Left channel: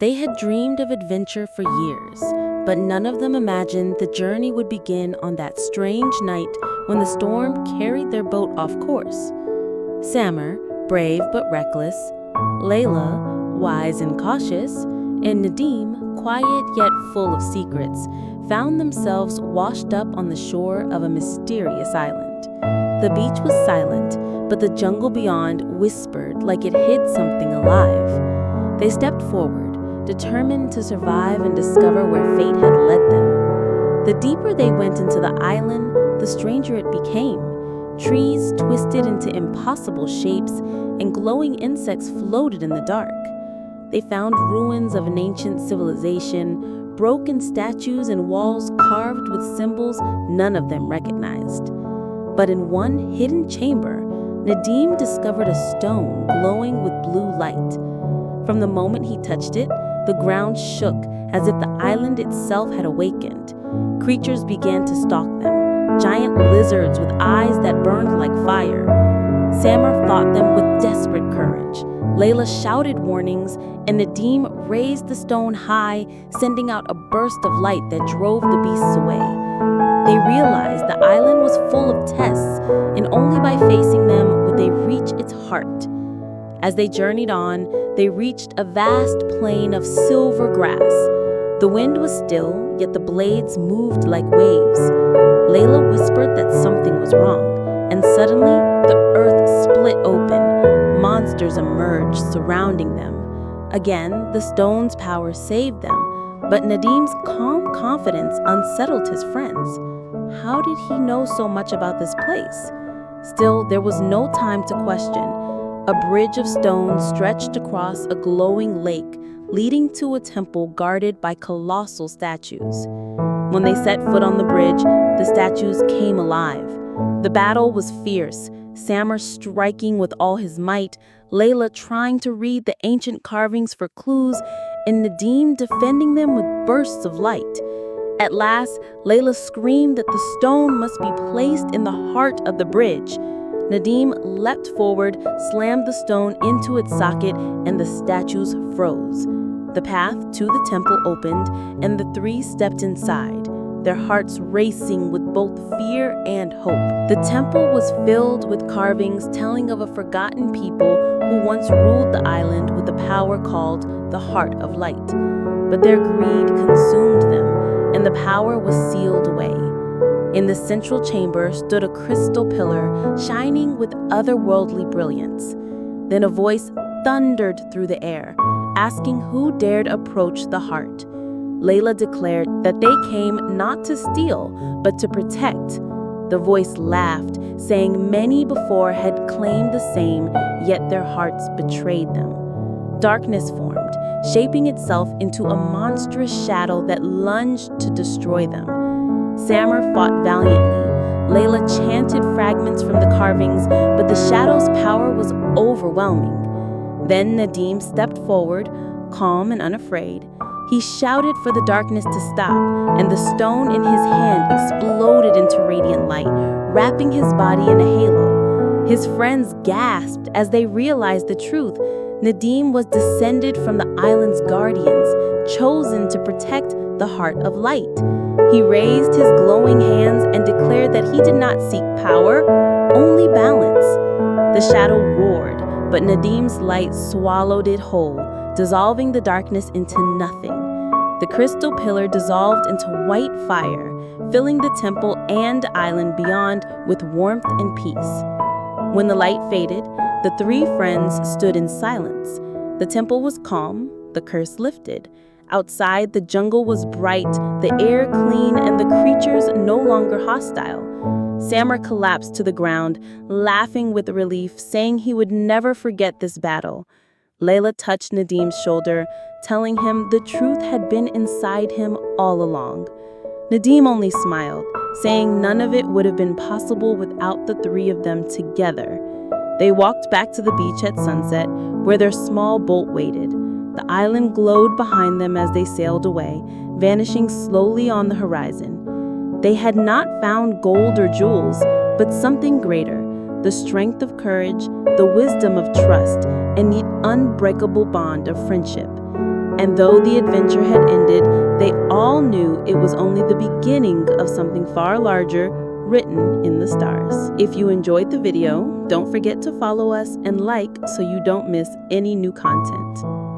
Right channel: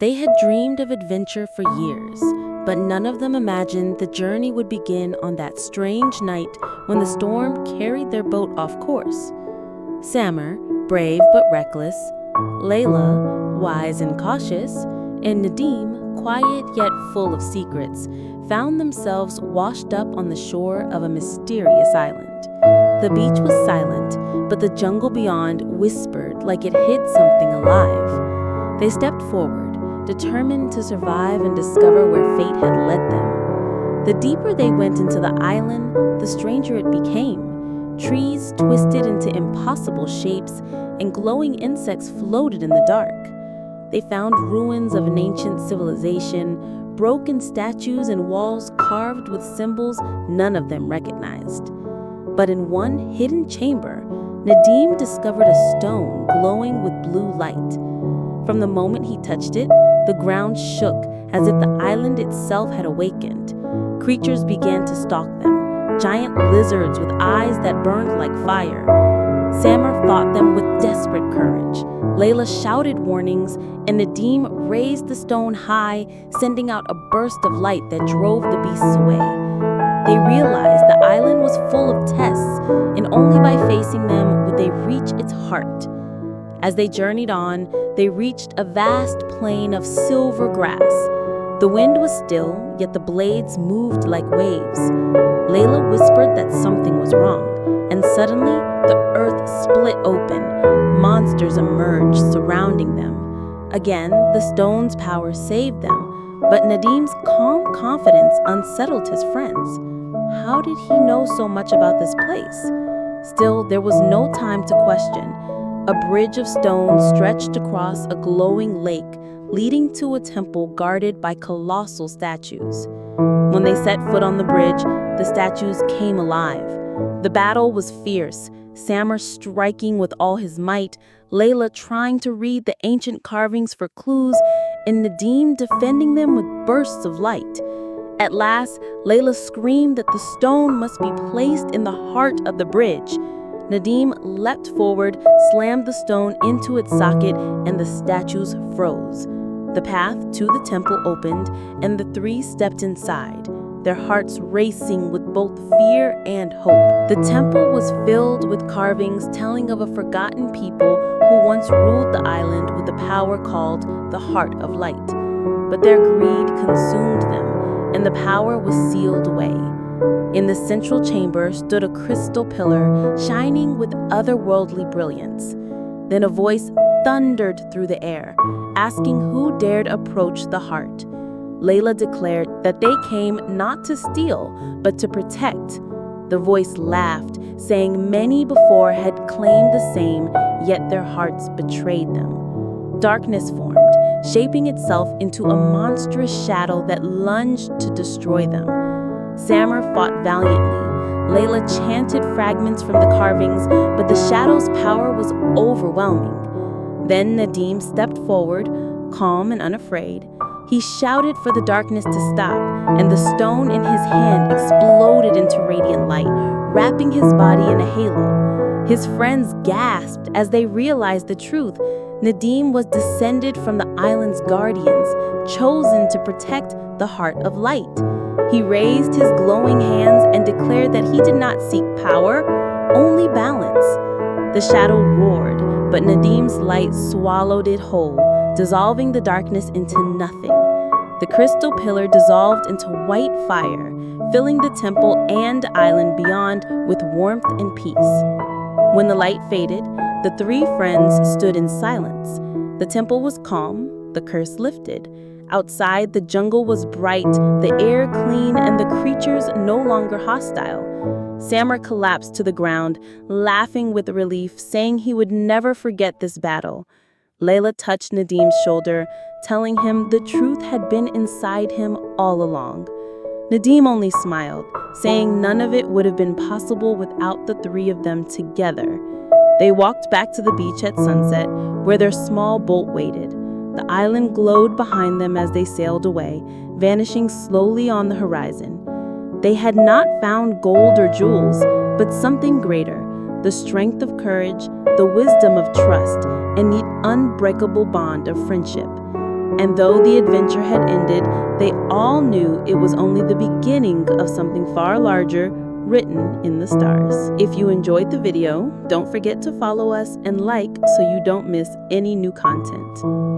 They had dreamed of adventure for years, but none of them imagined the journey would begin on that strange night when the storm carried their boat off course. Samar, brave but reckless, Leila, wise and cautious, and Nadim, quiet yet full of secrets, found themselves washed up on the shore of a mysterious island. The beach was silent, but the jungle beyond whispered like it hid something alive. They stepped forward, determined to survive and discover where fate had led them. The deeper they went into the island, the stranger it became. Trees twisted into impossible shapes, and glowing insects floated in the dark. They found ruins of an ancient civilization, broken statues and walls carved with symbols none of them recognized. But in one hidden chamber, Nadim discovered a stone glowing with blue light. From the moment he touched it, the ground shook as if the island itself had awakened. Creatures began to stalk them, giant lizards with eyes that burned like fire. Samar fought them with desperate courage. Leila shouted warnings, and Nadim raised the stone high, sending out a burst of light that drove the beasts away. They realized the island was full of tests, and only by facing them would they reach its heart. As they journeyed on, they reached a vast plain of silver grass. The wind was still, yet the blades moved like waves. Leila whispered that something was wrong, and suddenly the earth split open. Monsters emerged, surrounding them. Again, the stone's power saved them, but Nadim's calm confidence unsettled his friends. How did he know so much about this place? Still, there was no time to question. A bridge of stone stretched across a glowing lake, leading to a temple guarded by colossal statues. When they set foot on the bridge, the statues came alive. The battle was fierce, Samar striking with all his might, Leila trying to read the ancient carvings for clues, and Nadim defending them with bursts of light. At last, Leila screamed that the stone must be placed in the heart of the bridge. Nadim leapt forward, slammed the stone into its socket, and the statues froze. The path to the temple opened, and the three stepped inside, their hearts racing with both fear and hope. The temple was filled with carvings telling of a forgotten people who once ruled the island with a power called the Heart of Light. But their greed consumed them, and the power was sealed away. In the central chamber stood a crystal pillar shining with otherworldly brilliance. Then a voice thundered through the air, asking who dared approach the heart. Leila declared that they came not to steal, but to protect. The voice laughed, saying many before had claimed the same, yet their hearts betrayed them. Darkness formed, shaping itself into a monstrous shadow that lunged to destroy them. Samar fought valiantly. Leila chanted fragments from the carvings, but the shadow's power was overwhelming. Then Nadim stepped forward, calm and unafraid. He shouted for the darkness to stop, and the stone in his hand exploded into radiant light, wrapping his body in a halo. His friends gasped as they realized the truth. Nadim was descended from the island's guardians, chosen to protect the Heart of Light. He raised his glowing hands and declared that he did not seek power, only balance. The shadow roared, but Nadim's light swallowed it whole, dissolving the darkness into nothing. The crystal pillar dissolved into white fire, filling the temple and island beyond with warmth and peace. When the light faded, the three friends stood in silence. The temple was calm, the curse lifted. Outside, the jungle was bright, the air clean, and the creatures no longer hostile. Samar collapsed to the ground, laughing with relief, saying he would never forget this battle. Leila touched Nadim's shoulder, telling him the truth had been inside him all along. Nadim only smiled, saying none of it would have been possible without the three of them together. They walked back to the beach at sunset, where their small boat waited. The island glowed behind them as they sailed away, vanishing slowly on the horizon. They had not found gold or jewels, but something greater, the strength of courage, the wisdom of trust, and the unbreakable bond of friendship. And though the adventure had ended, they all knew it was only the beginning of something far larger written in the stars. If you enjoyed the video, don't forget to follow us and like so you don't miss any new content.